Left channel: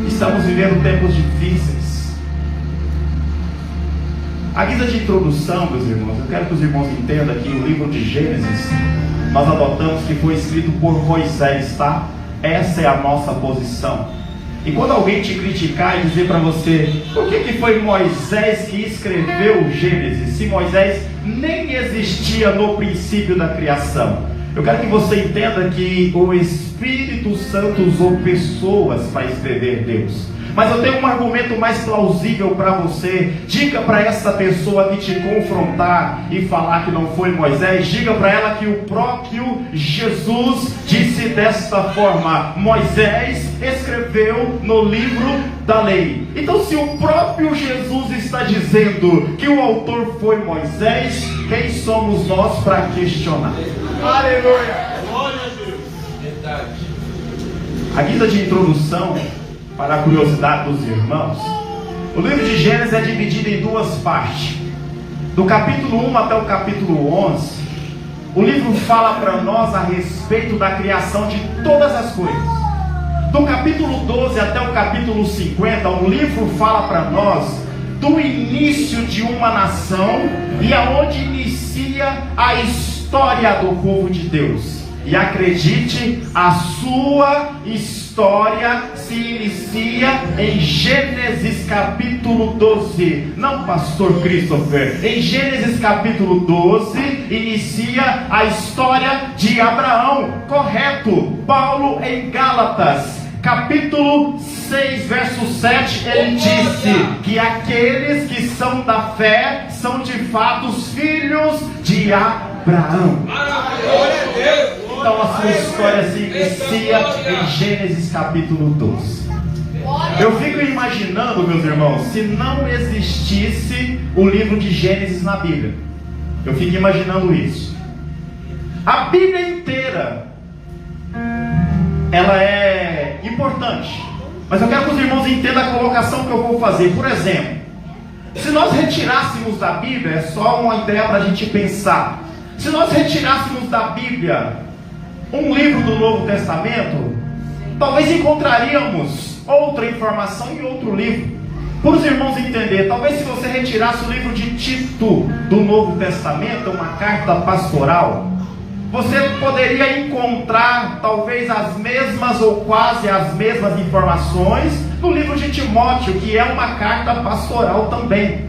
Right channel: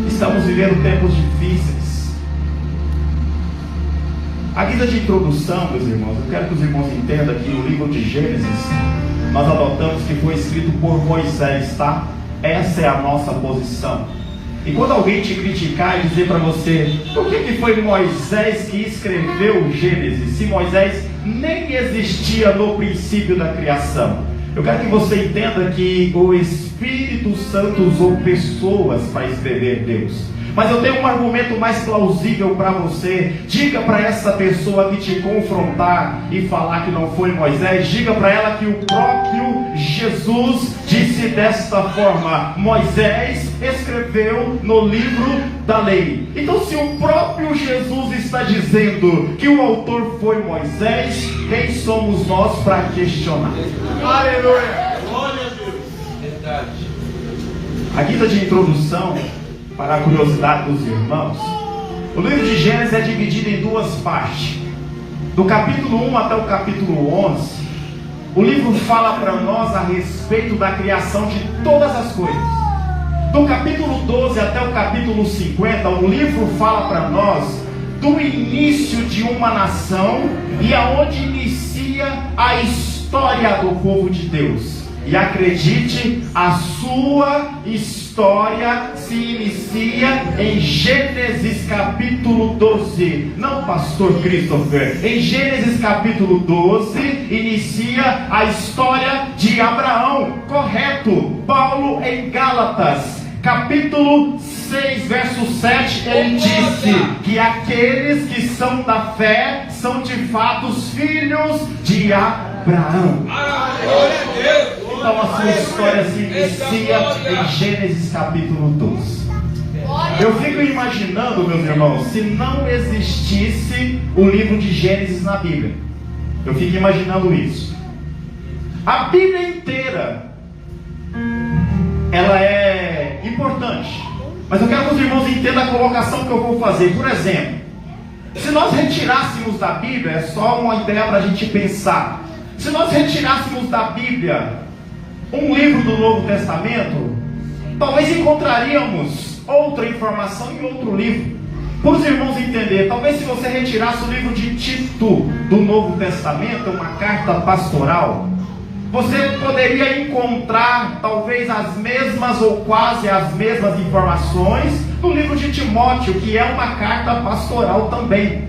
Estamos vivendo tempos difíceis. A guisa de introdução, meus irmãos, eu quero que os irmãos entendam que o livro de Gênesis, nós adotamos que foi escrito por Moisés, tá? Essa é a nossa posição. E quando alguém te criticar e dizer para você, por que foi Moisés que escreveu Gênesis, se Moisés nem existia no princípio da criação? Eu quero que você entenda que o Espírito Santo usou pessoas para escrever Deus. Mas eu tenho um argumento mais plausível para você. Diga para essa pessoa que te confrontar e falar que não foi Moisés, diga para ela que o próprio Jesus disse desta forma: Moisés escreveu no livro da lei. Então, se o próprio Jesus está dizendo que o autor foi Moisés, quem somos nós para questionar? Aleluia! Glória a Deus! Verdade. A guisa de introdução, para a curiosidade dos irmãos, o livro de Gênesis é dividido em duas partes. Do capítulo 1 até o capítulo 11, o livro fala para nós a respeito da criação de todas as coisas. Do capítulo 12 até o capítulo 50, o livro fala para nós do início de uma nação e aonde inicia a história do povo de Deus. E acredite, a sua história se inicia em Gênesis capítulo 12. Não, pastor Christopher. Em Gênesis capítulo 12 inicia a história de Abraão. Correto. Paulo em Gálatas capítulo 6, verso 7, ele disse que aqueles que são da fé são de fato os filhos de Abraão. Glória a Deus. Então a sua história se inicia em Gênesis capítulo 12. Eu fico imaginando, meus irmãos, se não existisse o livro de Gênesis na Bíblia. Eu fico imaginando isso. A Bíblia inteira, ela é importante, mas eu quero que os irmãos entendam a colocação que eu vou fazer. Por exemplo, se nós retirássemos da Bíblia, é só uma ideia para a gente pensar. Se nós retirássemos da Bíblia um livro do Novo Testamento, talvez encontraríamos outra informação em outro livro. Para os irmãos entenderem, talvez se você retirasse o livro de Tito do Novo Testamento, uma carta pastoral, você poderia encontrar talvez as mesmas ou quase as mesmas informações no livro de Timóteo, que é uma carta pastoral também.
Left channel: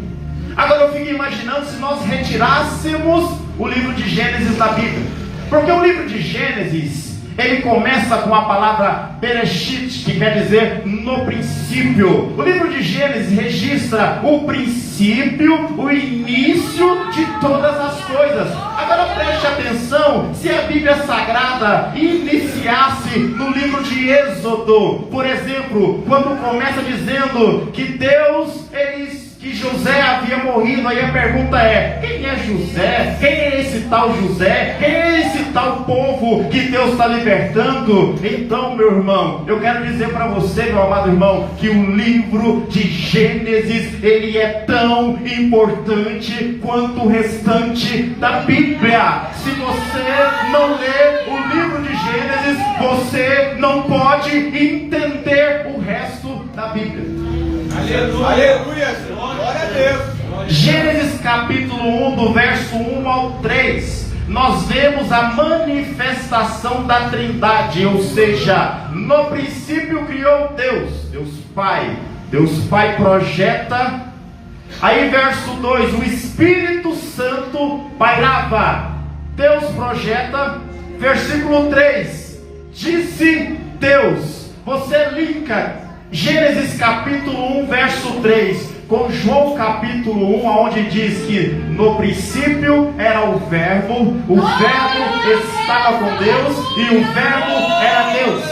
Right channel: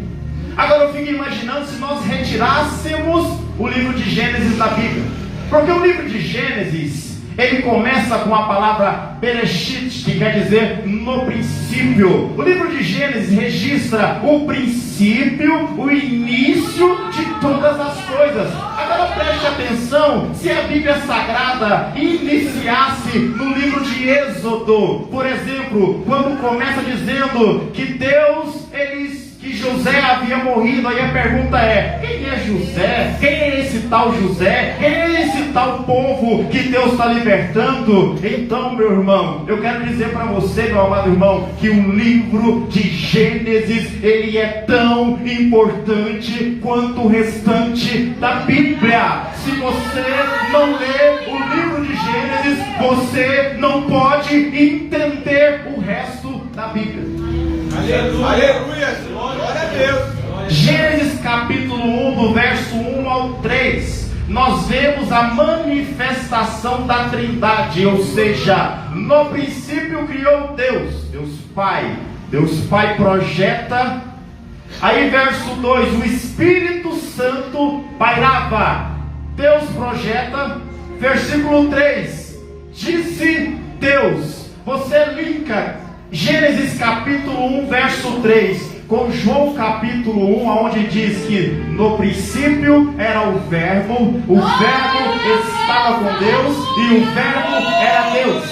Agora eu fico imaginando se nós retirássemos o livro de Gênesis da Bíblia. Porque o livro de Gênesis, ele começa com a palavra Bereshit, que quer dizer no princípio. O livro de Gênesis registra o princípio, o início de todas as coisas. Agora preste atenção, se a Bíblia Sagrada iniciasse no livro de Êxodo, por exemplo, quando começa dizendo que que José havia morrido, aí a pergunta é: quem é José? Quem é esse tal José? Quem é esse tal povo que Deus está libertando? Então, meu irmão, eu quero dizer para você, meu amado irmão, que o livro de Gênesis, ele é tão importante quanto o restante da Bíblia. Se você não lê o livro de Gênesis, você não pode entender o resto da Bíblia. Aleluia. Aleluia. Glória a Deus. Gênesis capítulo 1, do verso 1 ao 3, nós vemos a manifestação da Trindade, ou seja, no princípio criou Deus Pai. Deus Pai projeta. Aí verso 2, o Espírito Santo pairava. Deus projeta. Versículo 3, disse Deus. Você linka Gênesis capítulo 1, verso 3, com João capítulo 1, onde diz que no princípio era o verbo estava com Deus e o verbo era Deus.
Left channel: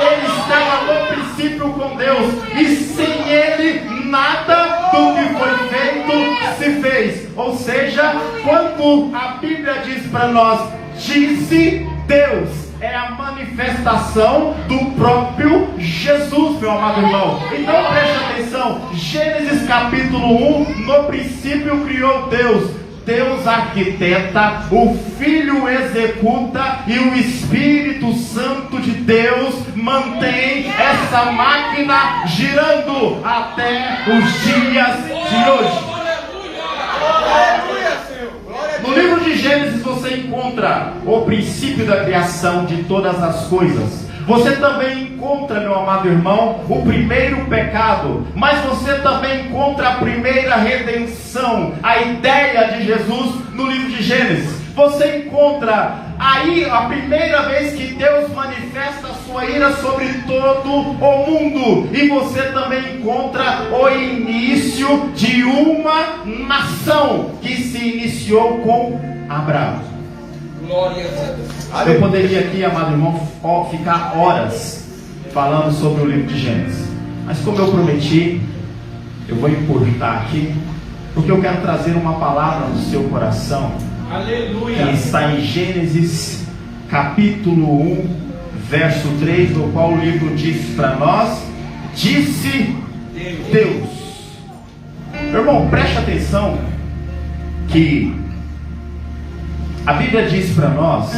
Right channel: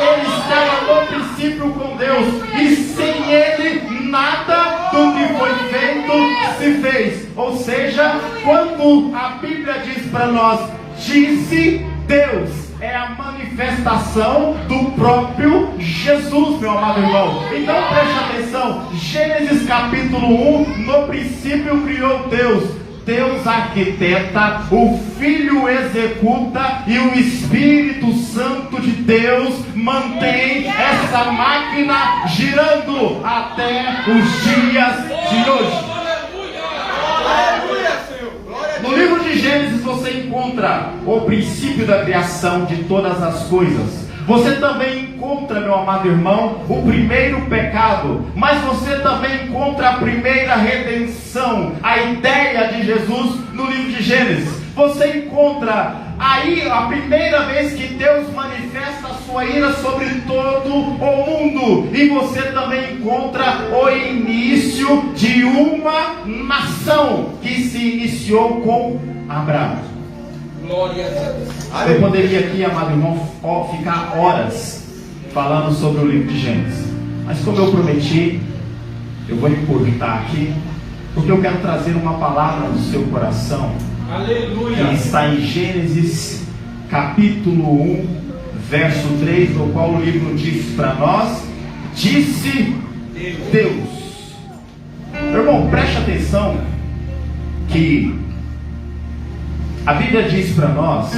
Ele estava no princípio com Deus e sem ele nada do que foi feito se fez. Ou seja, quando a Bíblia diz para nós, disse Deus, é a manifestação do próprio Jesus, meu amado irmão. Então preste atenção, Gênesis capítulo 1, no princípio criou Deus. Deus arquiteta, o Filho executa e o Espírito Santo de Deus mantém essa máquina girando até os dias de hoje. Aleluia, Senhor. Glória a No Deus. livro de Gênesis você encontra o princípio da criação de todas as coisas. Você também encontra, meu amado irmão, o primeiro pecado, mas você também encontra a primeira redenção, a ideia de Jesus no livro de Gênesis. Você encontra aí a primeira vez que Deus manifesta a sua ira sobre todo o mundo, e você também encontra o início de uma nação que se iniciou com Abraão. Glória a Deus. Eu poderia aqui, amado irmão, ficar horas falando sobre o livro de Gênesis, mas como eu prometi, eu vou encurtar aqui, porque eu quero trazer uma palavra no seu coração. Aleluia. Que está em Gênesis capítulo 1, verso 3, no qual o livro diz para nós: disse Deus. Meu irmão, preste atenção que a Bíblia diz para nós,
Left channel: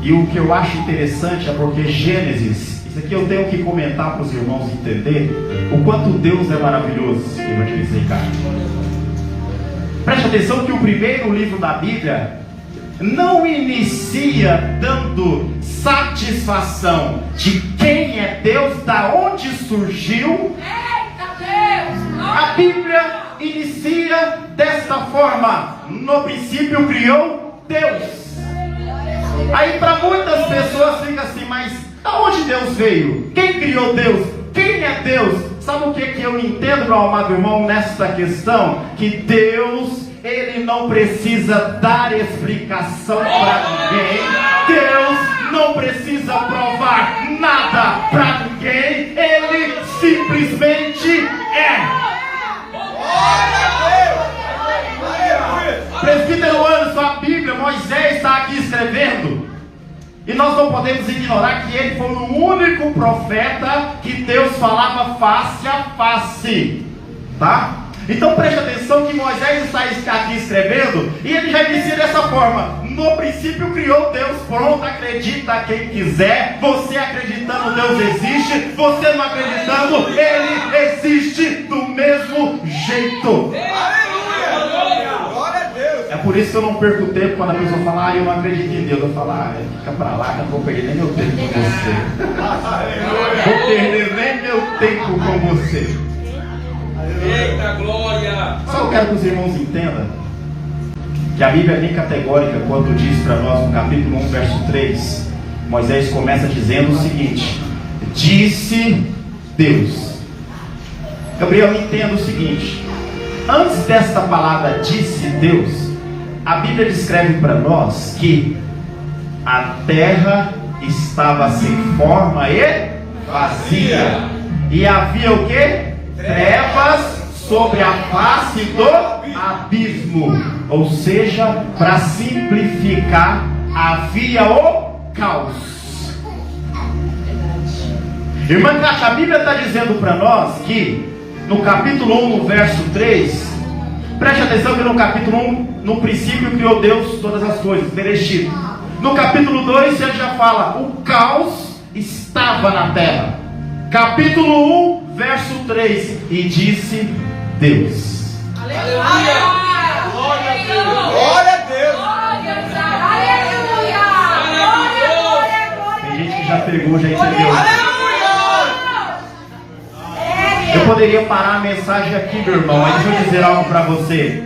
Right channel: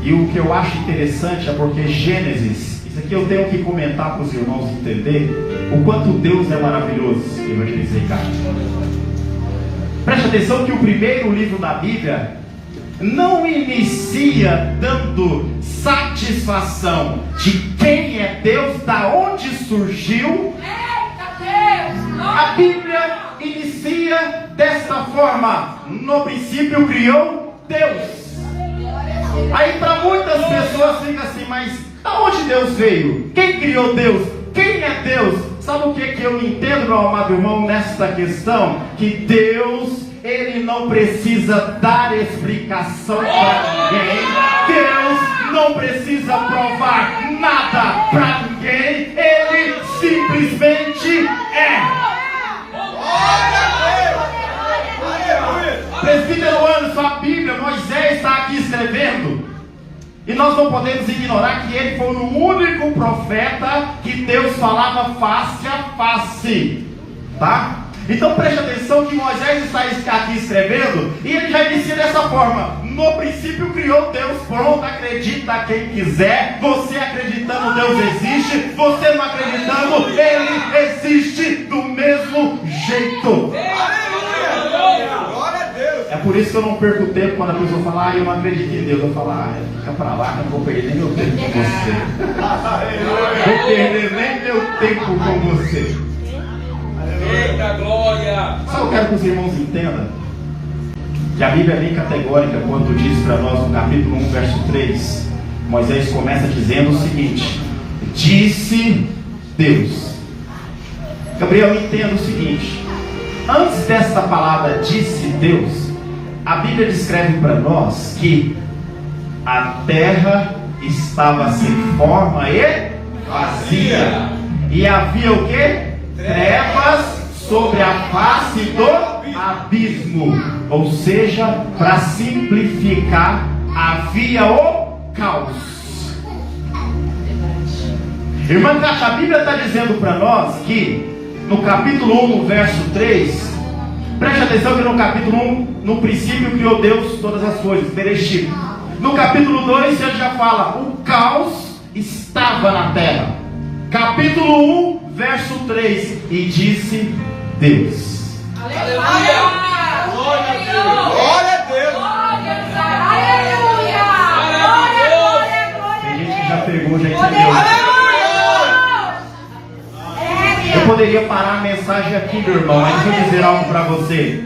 e o que eu acho interessante é porque Gênesis, isso aqui eu tenho que comentar para os irmãos entender o quanto Deus é maravilhoso, evangelista Ricardo. Preste atenção que o primeiro livro da Bíblia não inicia dando satisfação de quem é Deus, da onde surgiu. A Bíblia inicia desta forma: no princípio criou Deus. Aí para muitas pessoas fica assim, mas da onde Deus veio? Quem criou Deus? Quem é Deus? Sabe o que eu entendo, meu amado irmão, nesta questão? Que Deus, Ele não precisa dar explicação para ninguém. Deus não precisa provar nada para ninguém. Ele simplesmente é. Glória a Deus. Aleluia. Presbítero Anderson, a Bíblia, Moisés está aqui escrevendo. E nós não podemos ignorar que ele foi o único profeta que Deus falava face a face. Tá? Então preste atenção que Moisés está aqui escrevendo, e ele já inicia dessa forma: no princípio criou Deus. Pronto, acredita quem quiser. Você acreditando, Deus existe. Você não acreditando, Ele existe do mesmo jeito. Aleluia. Glória a Deus. É por isso que eu não perco tempo quando a pessoa fala: eu não acredito em Deus. Eu falo: fica pra lá, não vou perder nem meu tempo com você. Vou perder nem meu tempo com você. Eita glória. Só eu quero que os irmãos entendam que a Bíblia é bem categórica quando diz para nós no capítulo 1, verso 3. Moisés começa dizendo o seguinte: disse Deus. Gabriel, entenda o seguinte: antes desta palavra disse Deus, a Bíblia descreve para nós que a terra estava sem forma e vazia, e havia o que? Trevas sobre a face do abismo. Ou seja, para simplificar, havia o caos. Irmã Cátia, a Bíblia está dizendo para nós que no capítulo 1, no verso 3, preste atenção que no capítulo 1, no princípio criou Deus todas as coisas, Bereshit. No capítulo 2, ele já fala: o caos estava na terra. Capítulo 1, verso 3, e disse Deus. Aleluia. Glória a Deus. Glória a Deus. Tem gente que já pegou, já entendeu. Aleluia. Eu poderia parar a mensagem aqui, meu irmão, mas eu vou dizer algo para você.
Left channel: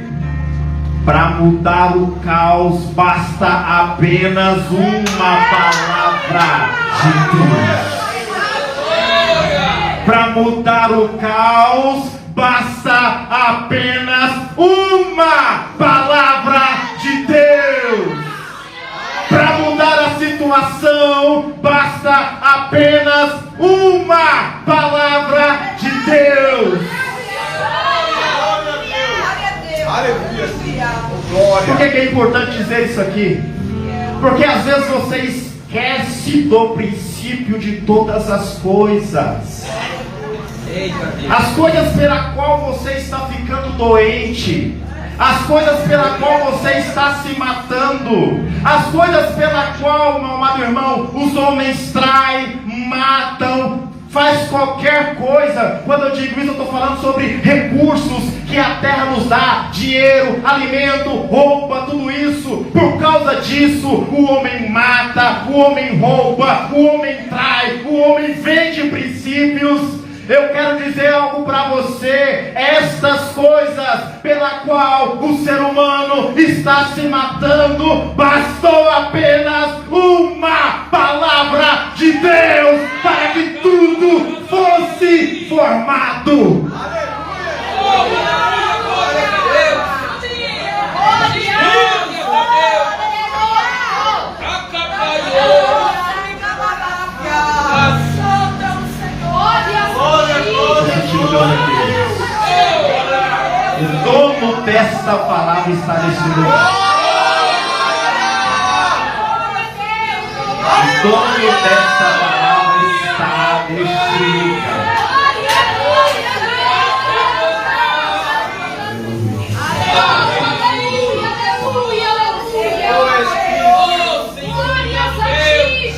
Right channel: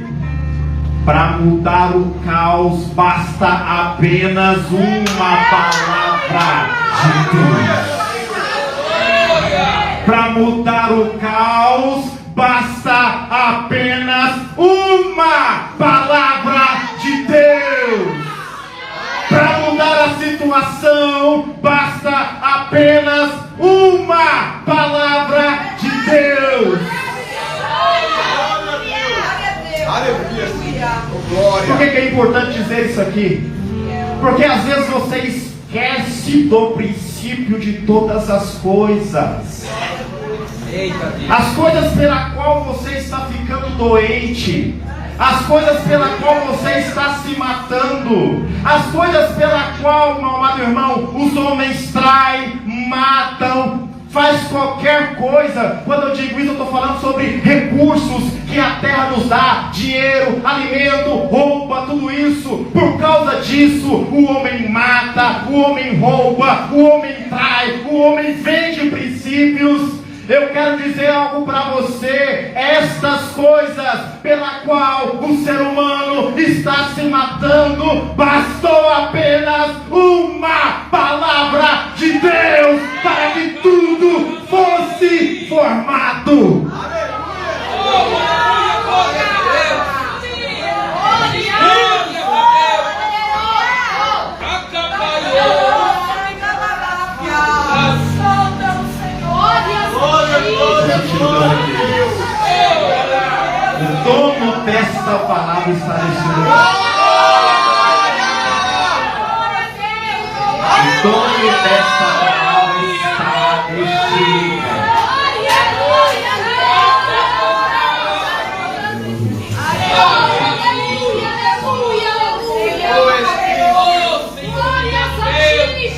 Para mudar o caos, basta apenas uma palavra de Deus. Para mudar o caos, basta apenas uma palavra de Deus. Para mudar a situação, basta apenas uma palavra de Deus. Aleluia. Glória. Por que é importante dizer isso aqui? Porque às vezes você esquece do princípio de todas as coisas. As coisas pela qual você está ficando doente, as coisas pela qual você está se matando, as coisas pela qual, meu amado irmão, os homens traem, matam, faz qualquer coisa. Quando eu digo isso, eu estou falando sobre recursos que a terra nos dá, dinheiro, alimento, roupa, tudo isso. Por causa disso, o homem mata, o homem rouba, o homem trai, o homem vende princípios. Eu quero dizer algo para você: estas coisas pela qual o ser humano está se matando, bastou apenas uma palavra de Deus para que tudo fosse formado. O dono desta palavra está neste lugar. O dono desta palavra está neste lugar.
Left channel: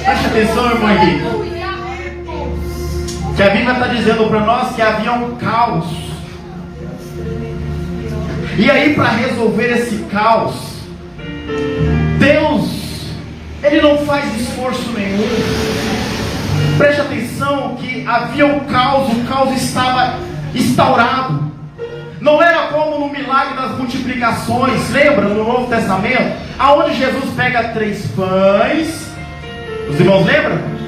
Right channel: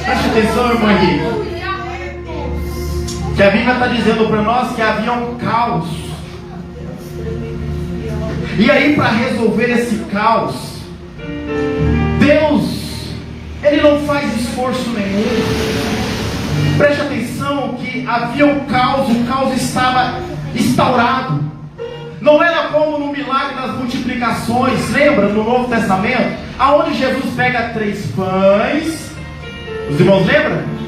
Preste atenção, irmão Henrique, que a Bíblia está dizendo para nós que havia um caos. E aí, para resolver esse caos, Deus, Ele não faz esforço nenhum. Preste atenção que havia um caos, o caos estava instaurado. Não era como no milagre das multiplicações, lembra, no Novo Testamento, aonde Jesus pega 3 pães, os irmãos lembram?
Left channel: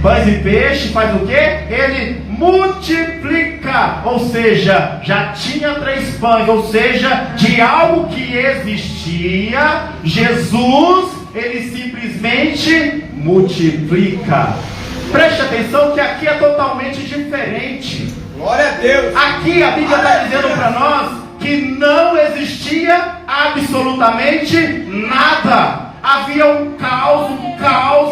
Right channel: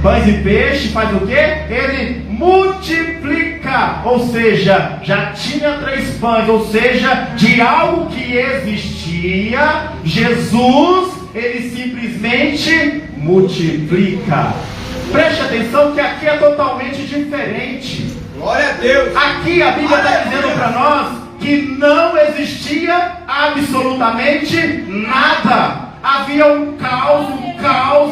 Pães e peixe, faz o quê? Ele multiplica, ou seja, já tinha 3 pães, ou seja, de algo que existia, Jesus, ele simplesmente multiplica. Preste atenção que aqui é totalmente diferente. Glória a Deus. Aqui a Bíblia está dizendo para nós que não existia absolutamente nada. Havia um caos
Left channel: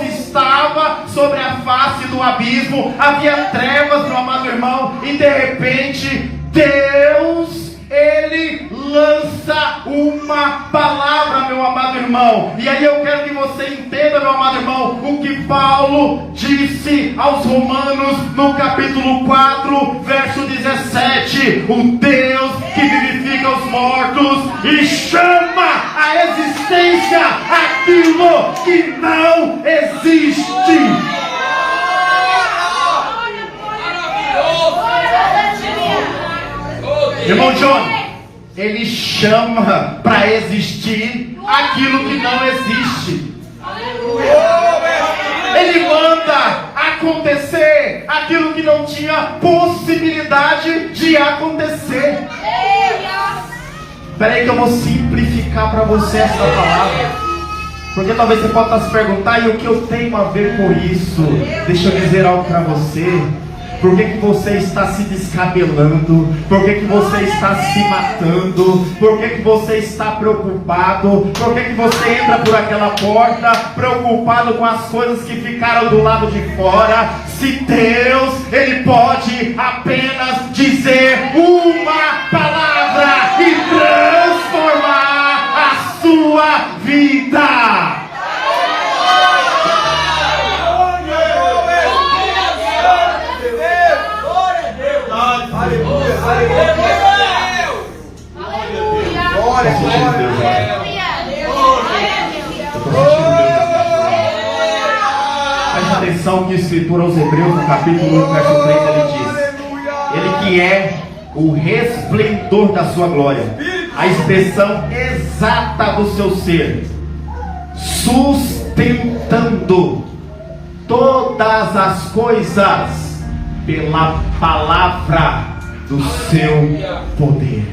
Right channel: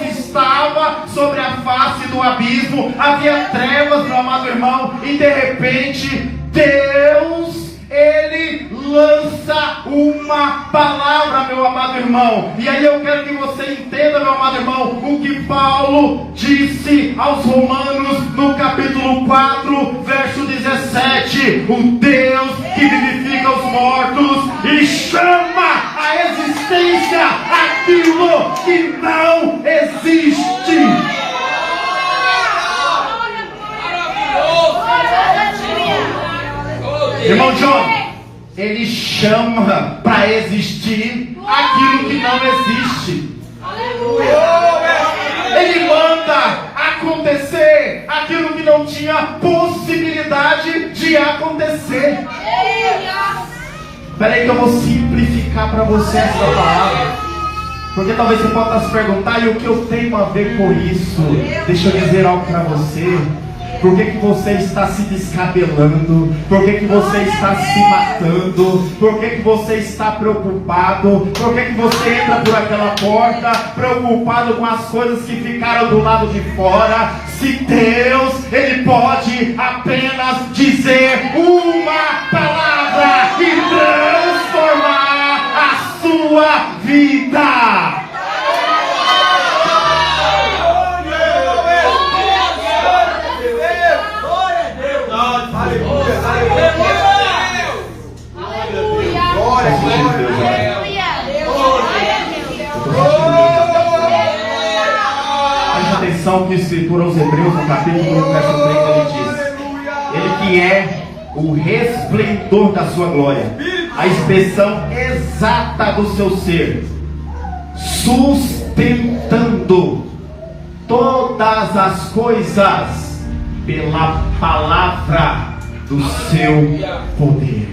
estava sobre a face do abismo, havia trevas, meu amado irmão, e de repente Deus, Ele lança uma palavra, meu amado irmão. E aí eu quero que você entenda, meu amado irmão, o que Paulo disse aos Romanos no capítulo 4, verso 17: o Deus que vivifica os mortos e chama a existência aquilo que não existe. Irmão John, ele chama para existir aquilo que não existe. Ele manda acontecer aquilo que não tinha possibilidade de acontecer. Espera aí que eu vou simplificar para você essa palavra, porque talvez você possa se perguntar: e o que eu tenho a ver com isso? Deixa eu dizer algo para você. Por que você está se descabelando? Por que você está se matando? Por que você está preocupado? Por que você entra por aquela porta preocupado com as coisas que ficaram do lado de fora? Se Deus, Ele pode apenas dizer uma palavra e transformar a sua vida. Aleluia, glória, Preste atenção que a Escritura aos Hebreus, no capítulo 1, verso 3, ele diz: Ele que é o resplendor da sua glória, a expressão exata do seu ser, sustentando todas as coisas pela palavra do seu poder.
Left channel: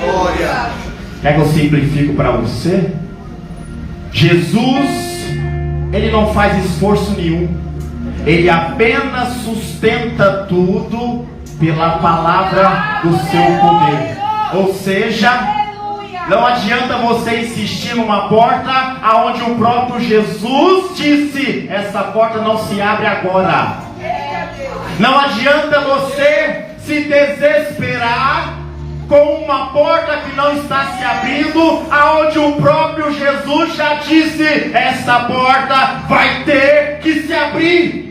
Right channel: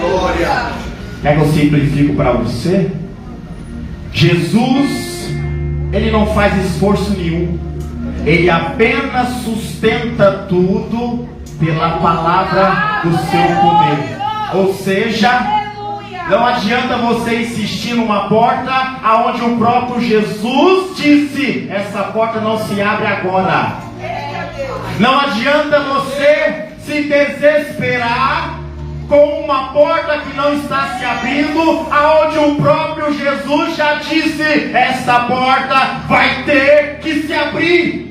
glória. Quer que eu simplifique para você? Jesus, Ele não faz esforço nenhum. Ele apenas sustenta tudo pela palavra do seu poder. Ou seja, não adianta você insistir numa porta aonde o próprio Jesus disse: essa porta não se abre agora. Não adianta você se desesperar com uma porta que não está se abrindo, aonde o próprio Jesus já disse: essa porta vai ter que se abrir.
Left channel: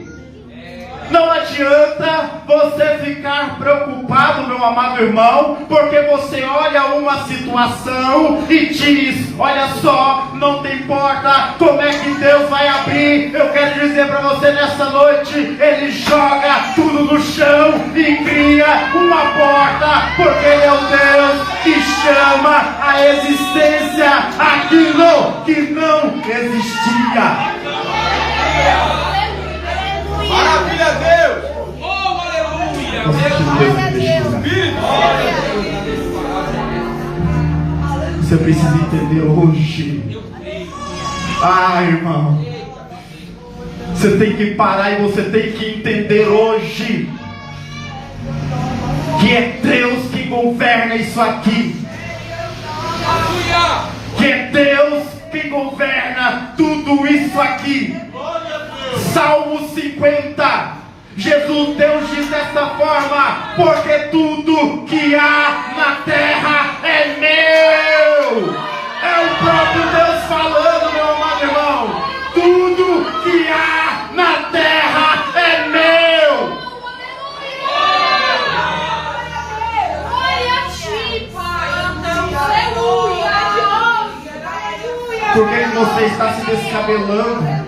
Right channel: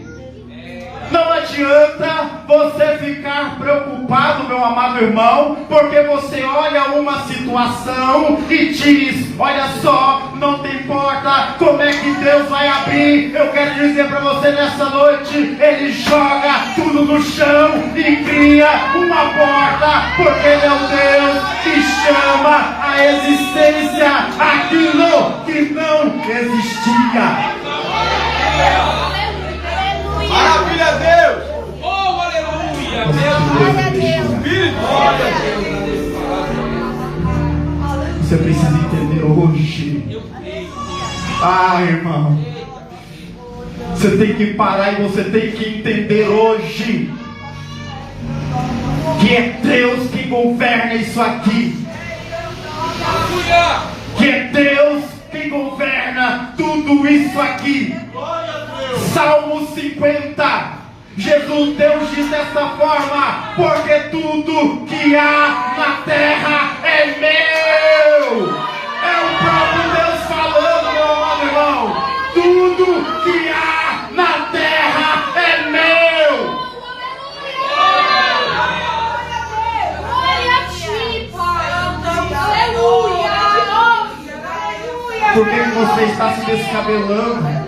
Não adianta você ficar preocupado, meu amado irmão, porque você olha uma situação e diz: olha só, não tem porta, como é que Deus vai abrir? Eu quero dizer para você nessa noite: Ele joga tudo no chão e cria uma porta, porque Ele é o Deus que chama a existência aquilo que não existia. Maravilha a Deus! Oh, aleluia! Glória a Deus. Você precisa entender hoje. Irmão, você tem que parar e você tem que entender hoje que é Deus que governa isso aqui. Que é Deus que governa tudo isso aqui. Salmo 50, Deus diz desta forma: porque tudo que há na terra é meu. É o próprio Deus falando, meu amado irmão. Tudo que há na terra é meu. Glória a ti, Pai. Aleluia. Por que você está se descabelando?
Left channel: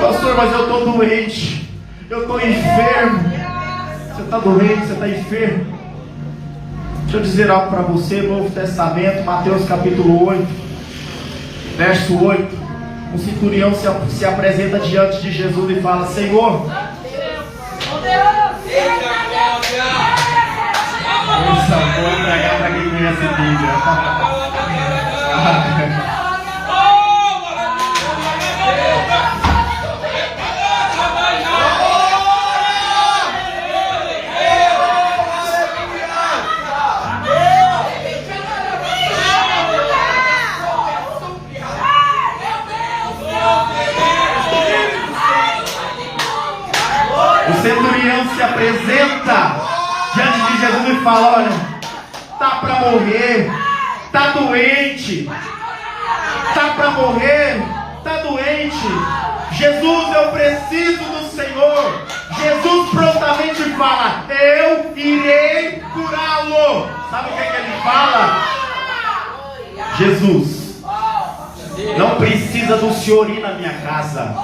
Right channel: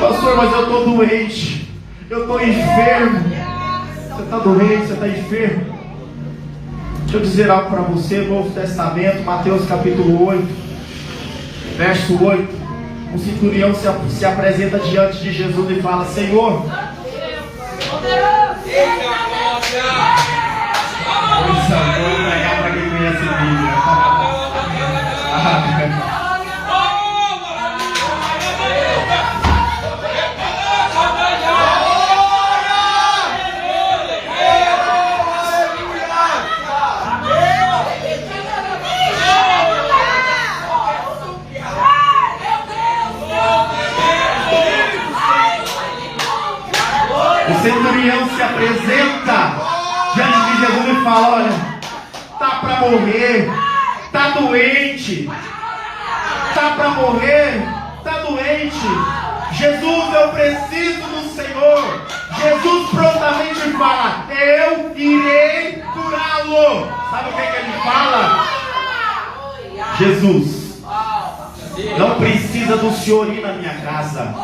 Pastor, mas eu estou doente, eu estou enfermo. Você está doente, você está enfermo? Deixa eu dizer algo para você. Novo Testamento, Mateus capítulo 8, verso 8. O centurião se apresenta diante de Jesus e fala: Senhor, essa boca é para quem conhece a Bíblia. O centurião se apresenta diante de Jesus e fala: olha, tá para morrer, tá doente, tá para morrer, tá doente. Jesus, eu preciso do Senhor. Jesus prontamente fala: eu irei curá-lo. Sabe o que ele fala? Jesus, não precisa do Senhor ir na minha casa.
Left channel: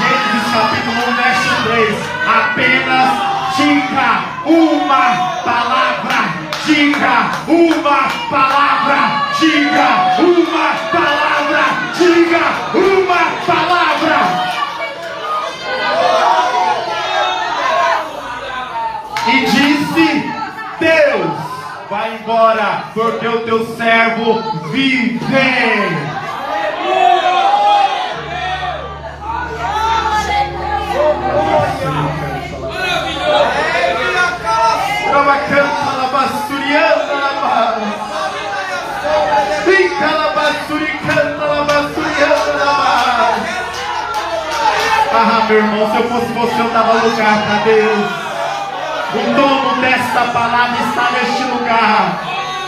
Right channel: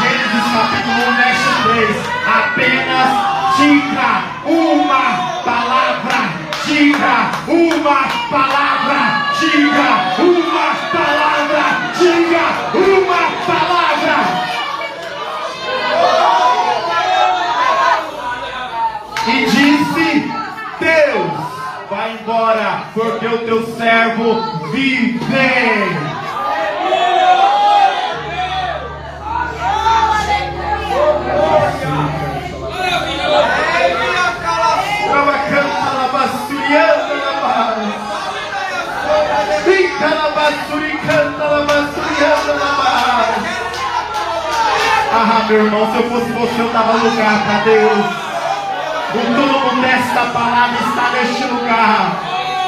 Gênesis capítulo 1, verso 3. Apenas diga uma palavra. Diga uma palavra. Diga uma palavra. Diga uma palavra. E disse Deus: vai embora, porque o teu servo vive. Meu irmão, se eu fosse você, eu estava no lugar para Deus. O dono desta palavra está neste lugar.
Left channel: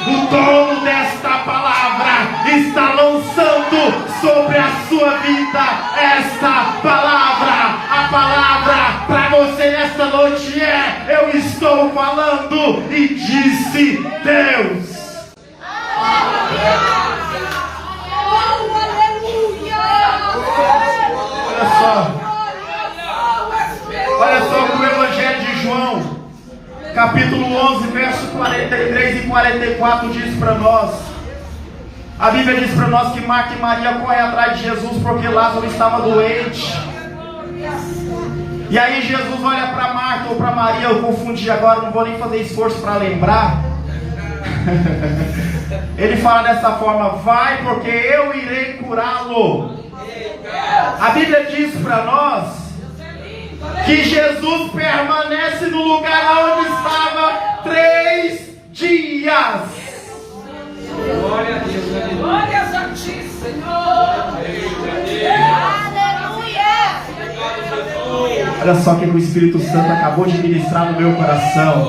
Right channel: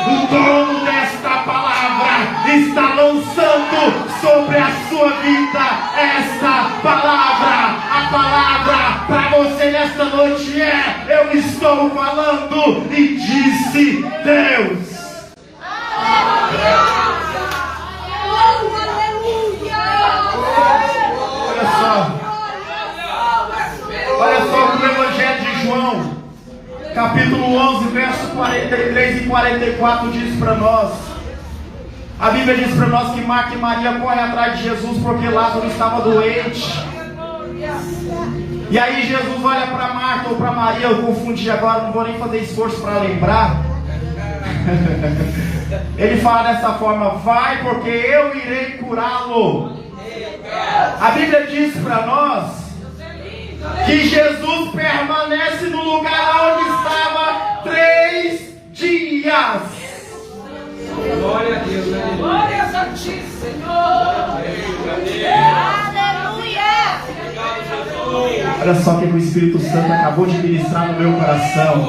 O dono desta palavra está lançando sobre a sua vida esta palavra. A palavra para você nesta noite é: eu estou falando, e disse Deus. Olha só o Evangelho de João, capítulo 11, verso 43 e 44 diz para nós. A Bíblia diz para nós que Marta e Maria correm atrás de Jesus porque Lázaro estava doente. E aí Jesus olha para Marta ou para Maria, eu confundi agora, não vou nem fazer esforço para lembrar. Ele fala dessa forma: vai, porque eu irei curá-lo. A Bíblia diz para nós que Jesus permanece no lugar onde estava 3 dias. Glória a Deus. Glória a ti, Senhor. Aleluia. Olha só o que o Espírito Santo acabou de ministrar no meu coração.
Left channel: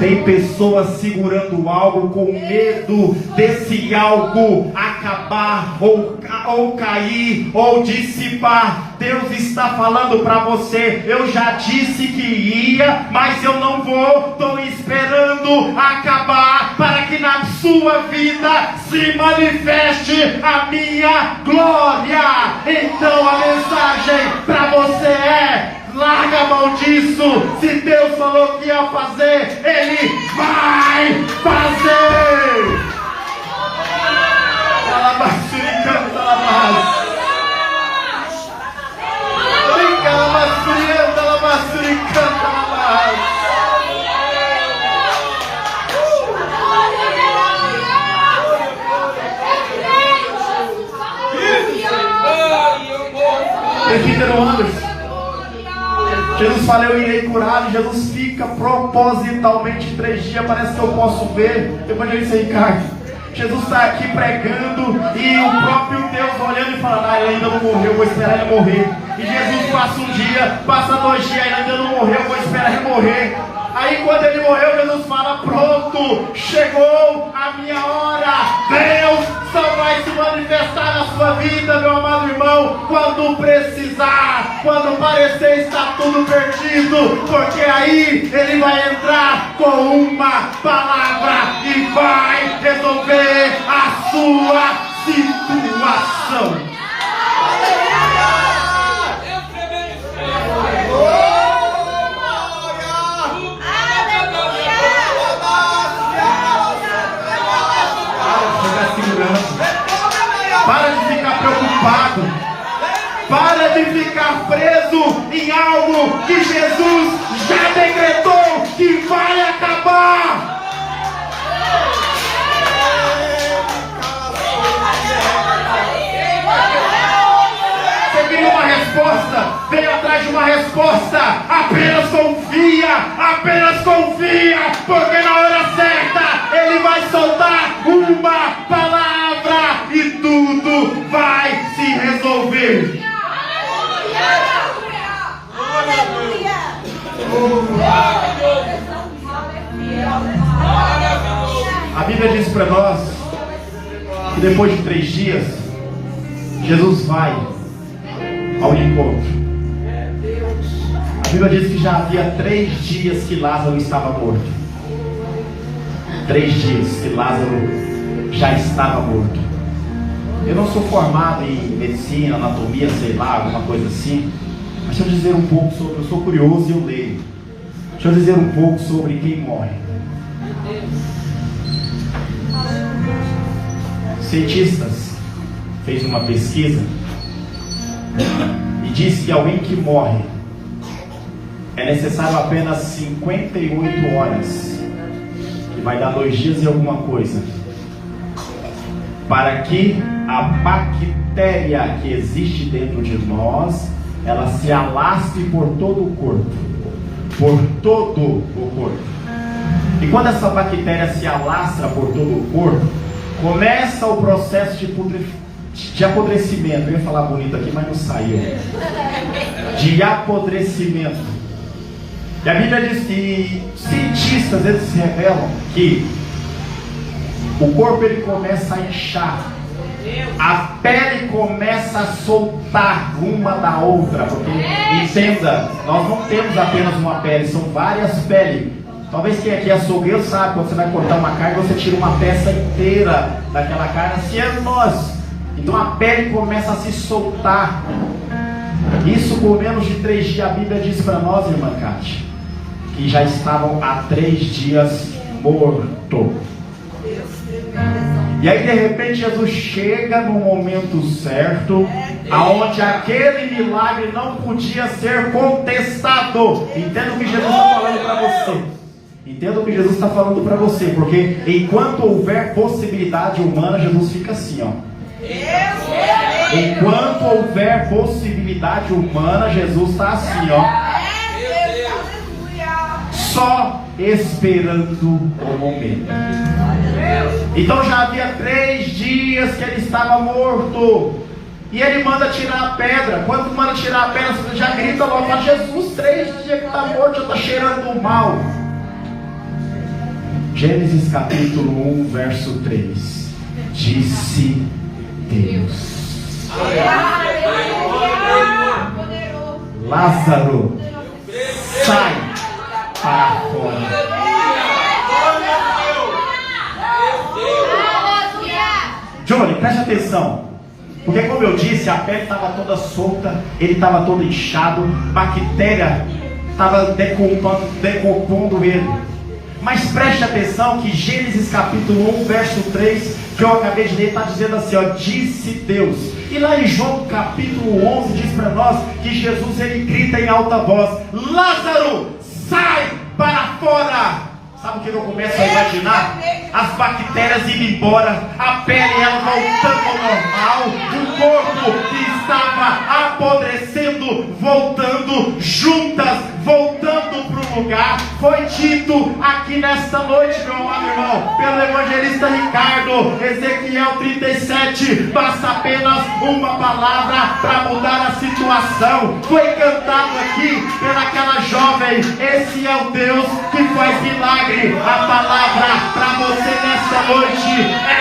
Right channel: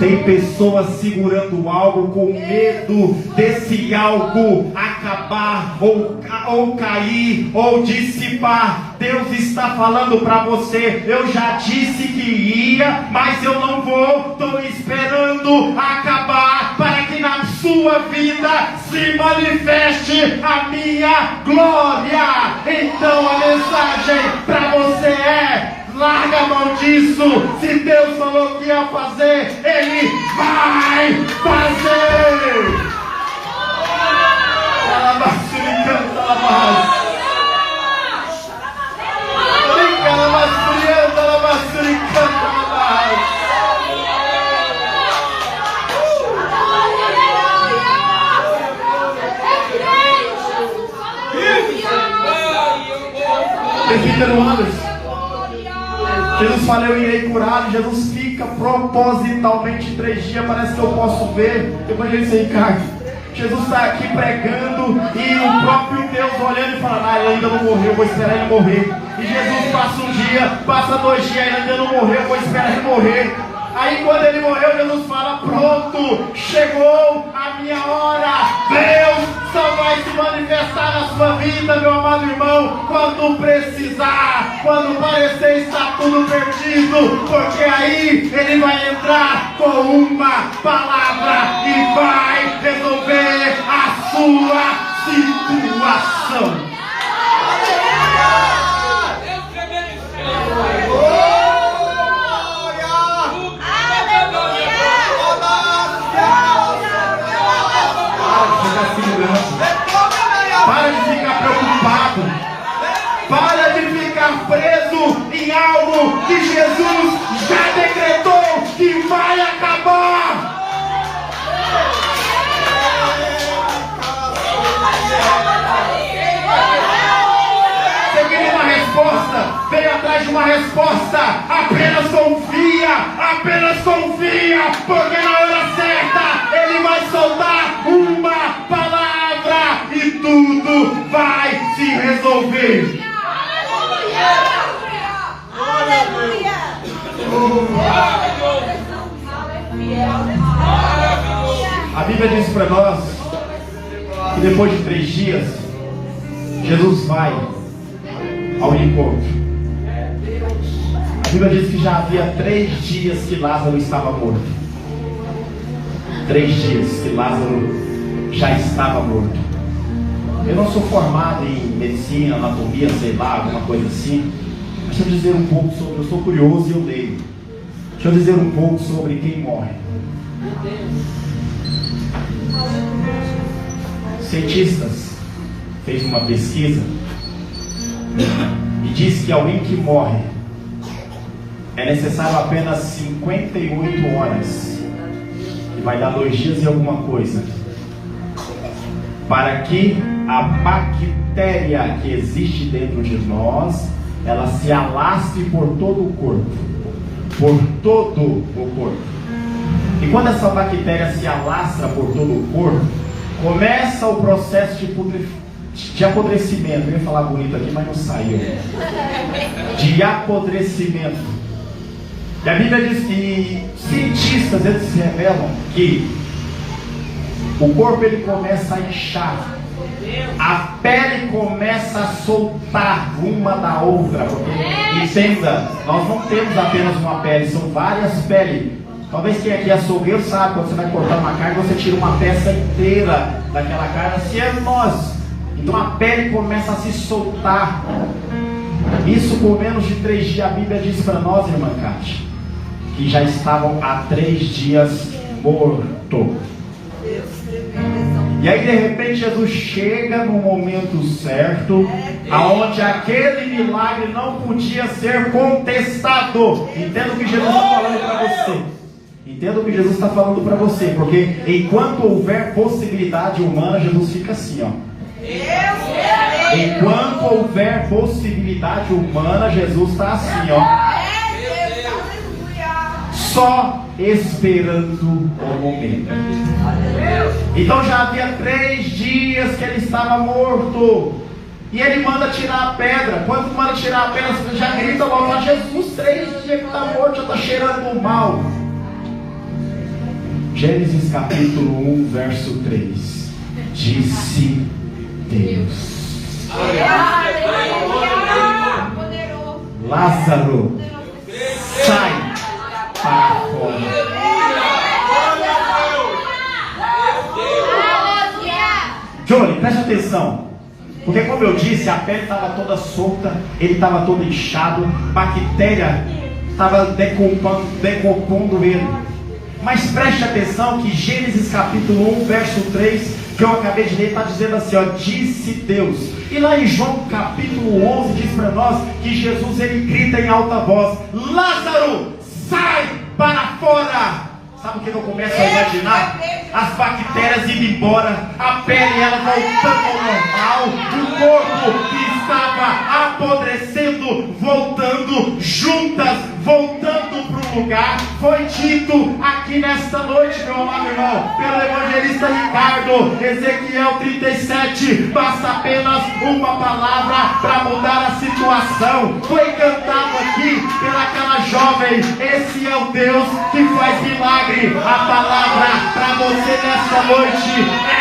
Tem pessoas segurando algo com medo desse algo acabar ou cair ou dissipar. Deus está falando para você: eu já disse que ia, mas eu não vou. Estou esperando acabar para que na sua vida se manifeste a minha glória. Então a mensagem para você é: larga a mão disso. Se Deus falou que ia fazer, Ele vai fazer. Presbítero Anderson, Jesus fala: eu irei curá-lo. Jesus fica propositalmente 3 dias. Parece que eu posso ver. Depois ele se encarga. Jesus está aqui pregando e o próprio Deus olhando e falando: ele ainda não morreu, vou esperar ele morrer. E Jesus passa 1 dia, passa 2 dias, ele ainda não morreu, vou esperar ele morrer. Aí quando ele morreu, Jesus fala: pronto, chegou a minha hora. Deus só vai se manifestar na sua vida, meu amado irmão, quando precisar, quando parecer estar tudo perdido, porque aí Ele vai entrar com uma palavra e vai resolver a sua situação. Para de ficar preocupado. Para de ficar preso em algo que Jesus já decretou que vai acabar. Você queria uma resposta? Vem atrás de uma resposta. Apenas confia, porque na hora certa Ele vai soltar uma palavra e tudo vai se resolver. Aleluia! A Bíblia diz para nós que depois de 3 dias Jesus vai ao encontro. A Bíblia diz que já havia 3 dias que Lázaro estava morto. 3 dias que Lázaro já estava morto. Eu não sou formado em medicina, anatomia, sei lá, alguma coisa assim. Mas deixa eu dizer um pouco sobre, eu sou curioso e eu leio. Deixa eu dizer um pouco sobre quem morre. Cientistas fez uma pesquisa e diz que alguém que morre é necessário apenas 58 horas, que vai dar 2 dias e alguma coisa, para que a bactéria que existe dentro de nós, ela se alastre por todo o corpo. Por todo o corpo. E quando essa bactéria se alastra por todo o corpo, começa o processo de apodrecimento. Eu ia falar bonito aqui, mas não saiu. De apodrecimento. E a Bíblia diz que cientistas, eles revelam que o corpo ele começa a inchar, a pele começa a soltar uma da outra, porque, entenda, nós não temos apenas uma pele, são várias peles. Talvez quem aqui é açougueiro sabe, quando você vai cortar uma carne, você tira uma peça inteira daquela carne, assim é nós. Então a pele começa a se soltar. Isso por menos de 3 dias, a Bíblia diz para nós, irmã Cátia, que já estavam há 3 dias mortos. E aí de repente Jesus chega no momento certo, aonde aquele milagre não podia ser contestado. Entenda o que Jesus está falando para você. Entenda o que Jesus está falando para você, porque enquanto houver possibilidade humana, Jesus fica assim, ó. Enquanto houver possibilidade humana, Jesus está assim, ó. Só esperando o momento. Então já havia 3 dias que ele estava morto. E ele manda tirar a pedra. Quando manda tirar a pedra, você já grita logo: mas Jesus, 3 dias que está morto, já está cheirando mal. Gênesis capítulo 1, verso 3. Disse Deus: Lázaro, sai para fora. Johnny, preste atenção. Porque como eu disse, a pele estava toda solta, ele estava todo inchado, bactéria estava decompondo ele. Mas preste atenção que Gênesis capítulo 1, verso 3, que eu acabei de ler, está dizendo assim, ó, disse Deus. E lá em João capítulo 11 diz para nós que Jesus ele grita em alta voz: Lázaro, sai para fora. Sabe o que eu começo a imaginar? As bactérias indo embora, a pele ela voltando ao normal, o corpo que estava apodrecendo, voltando juntas, voltando para o lugar. Foi dito aqui nesta noite, meu amado irmão, pelo evangelista Ricardo, Ezequiel 37, basta apenas uma palavra para mudar a situação. Foi cantado aqui pelaquela jovem: esse é o Deus que faz milagre. A palavra para você nesta noite é:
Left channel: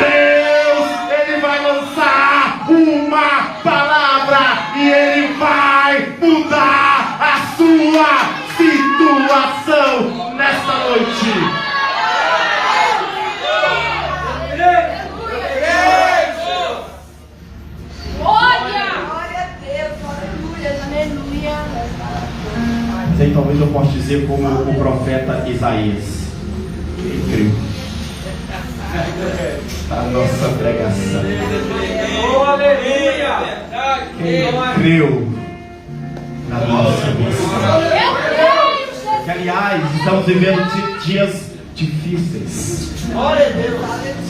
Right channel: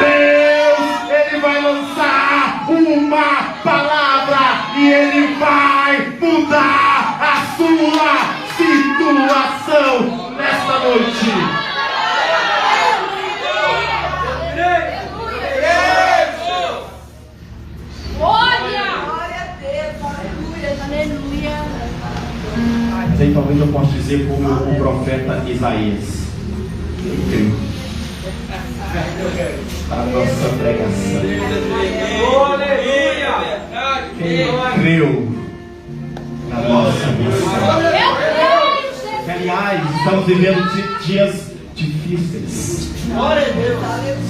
Deus, Ele vai lançar uma palavra e Ele vai mudar a sua situação nesta noite. Mas aí talvez eu possa dizer como o profeta Isaías: ele creu. A nossa pregação. Ele creu na nossa missão. E, aliás, estamos vivendo dias difíceis. Se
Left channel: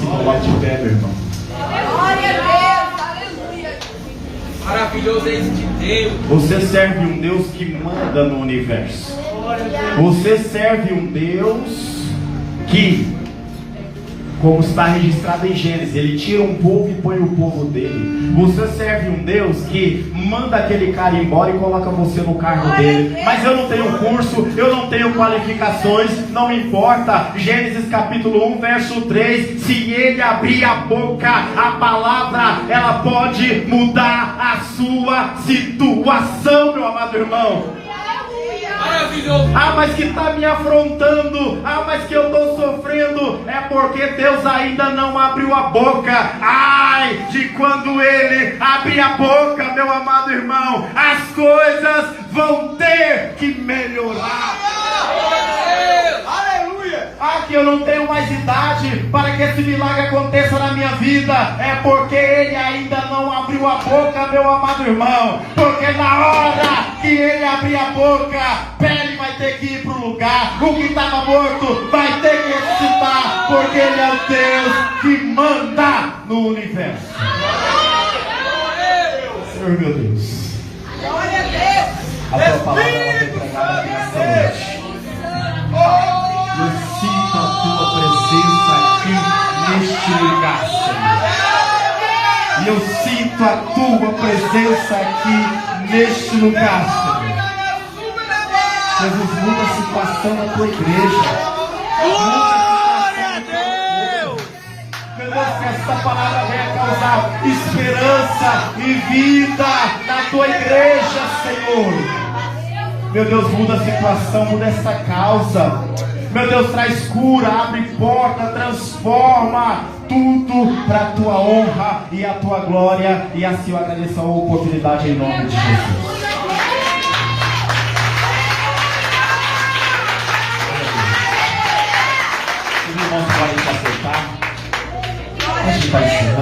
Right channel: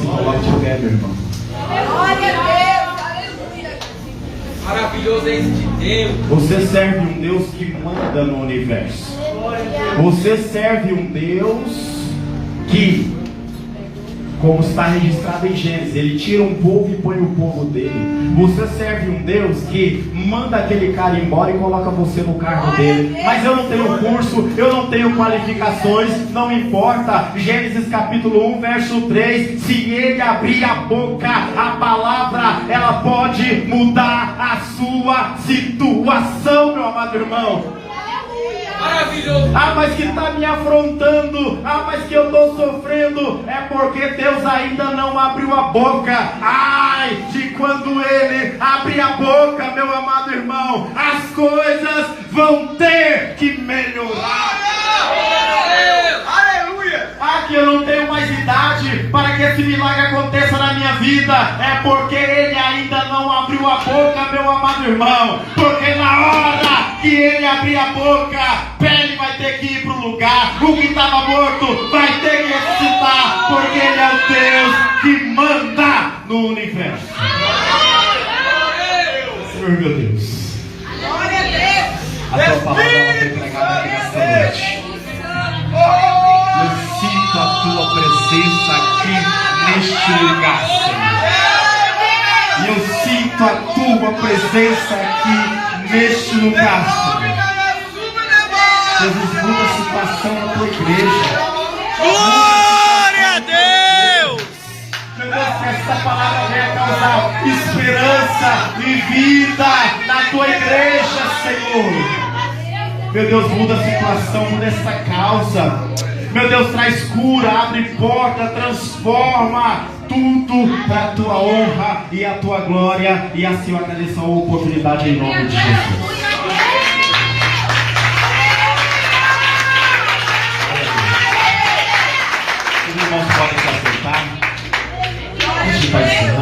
coloque de pé, meu irmão. Glória a Deus, aleluia. Maravilhoso é esse Deus. Você serve um Deus que manda no universo. Você serve um Deus que, como está registrado em Gênesis, Ele tira um povo e põe o povo dele. Você serve um Deus que manda aquele cara embora e coloca você no cargo dele. Mas eu não tenho curso, eu não tenho qualificações, não importa. Gênesis capítulo 1, verso 3: se Ele abrir a boca, a palavra, ela pode mudar a sua situação, meu amado irmão. Maravilhoso. Ah, mas que está me afrontando. Ah, mas que eu estou sofrendo. É porque Deus ainda não abriu a boca. Ai, de quando Ele abrir a boca, meu amado irmão, as coisas vão ter que melhorar. Aleluia! Ah, que eu não tenho mais idade para que esse milagre aconteça na minha vida. É porque Ele ainda não abriu a boca, meu amado irmão. Porque na hora que Ele abrir a boca, pele vai ter que ir para o lugar. O que estava morto vai ter que ressuscitar. Porque Ele é o Deus que manda no universo. Senhor, meu Deus, Glória a Deus. a tua palavra vai ser pregada aqui nesta noite. Eu sinto a tua presença aqui neste lugar, Senhor. E eu sinto a tua presença aqui neste lugar, Senhor. Jesus, muda a situação da tua igreja. Glória a Deus! Meu Deus, que esta palavra venha causar esperança e vida na tua igreja, Senhor. Meu Deus, muda a situação, muda essa causa. Meu Deus, traz cura, abre porta, transforma tudo para a tua honra e a tua glória. E assim eu agradeço a oportunidade em nome de Jesus. Os irmãos podem se acertar. Onde vai ser?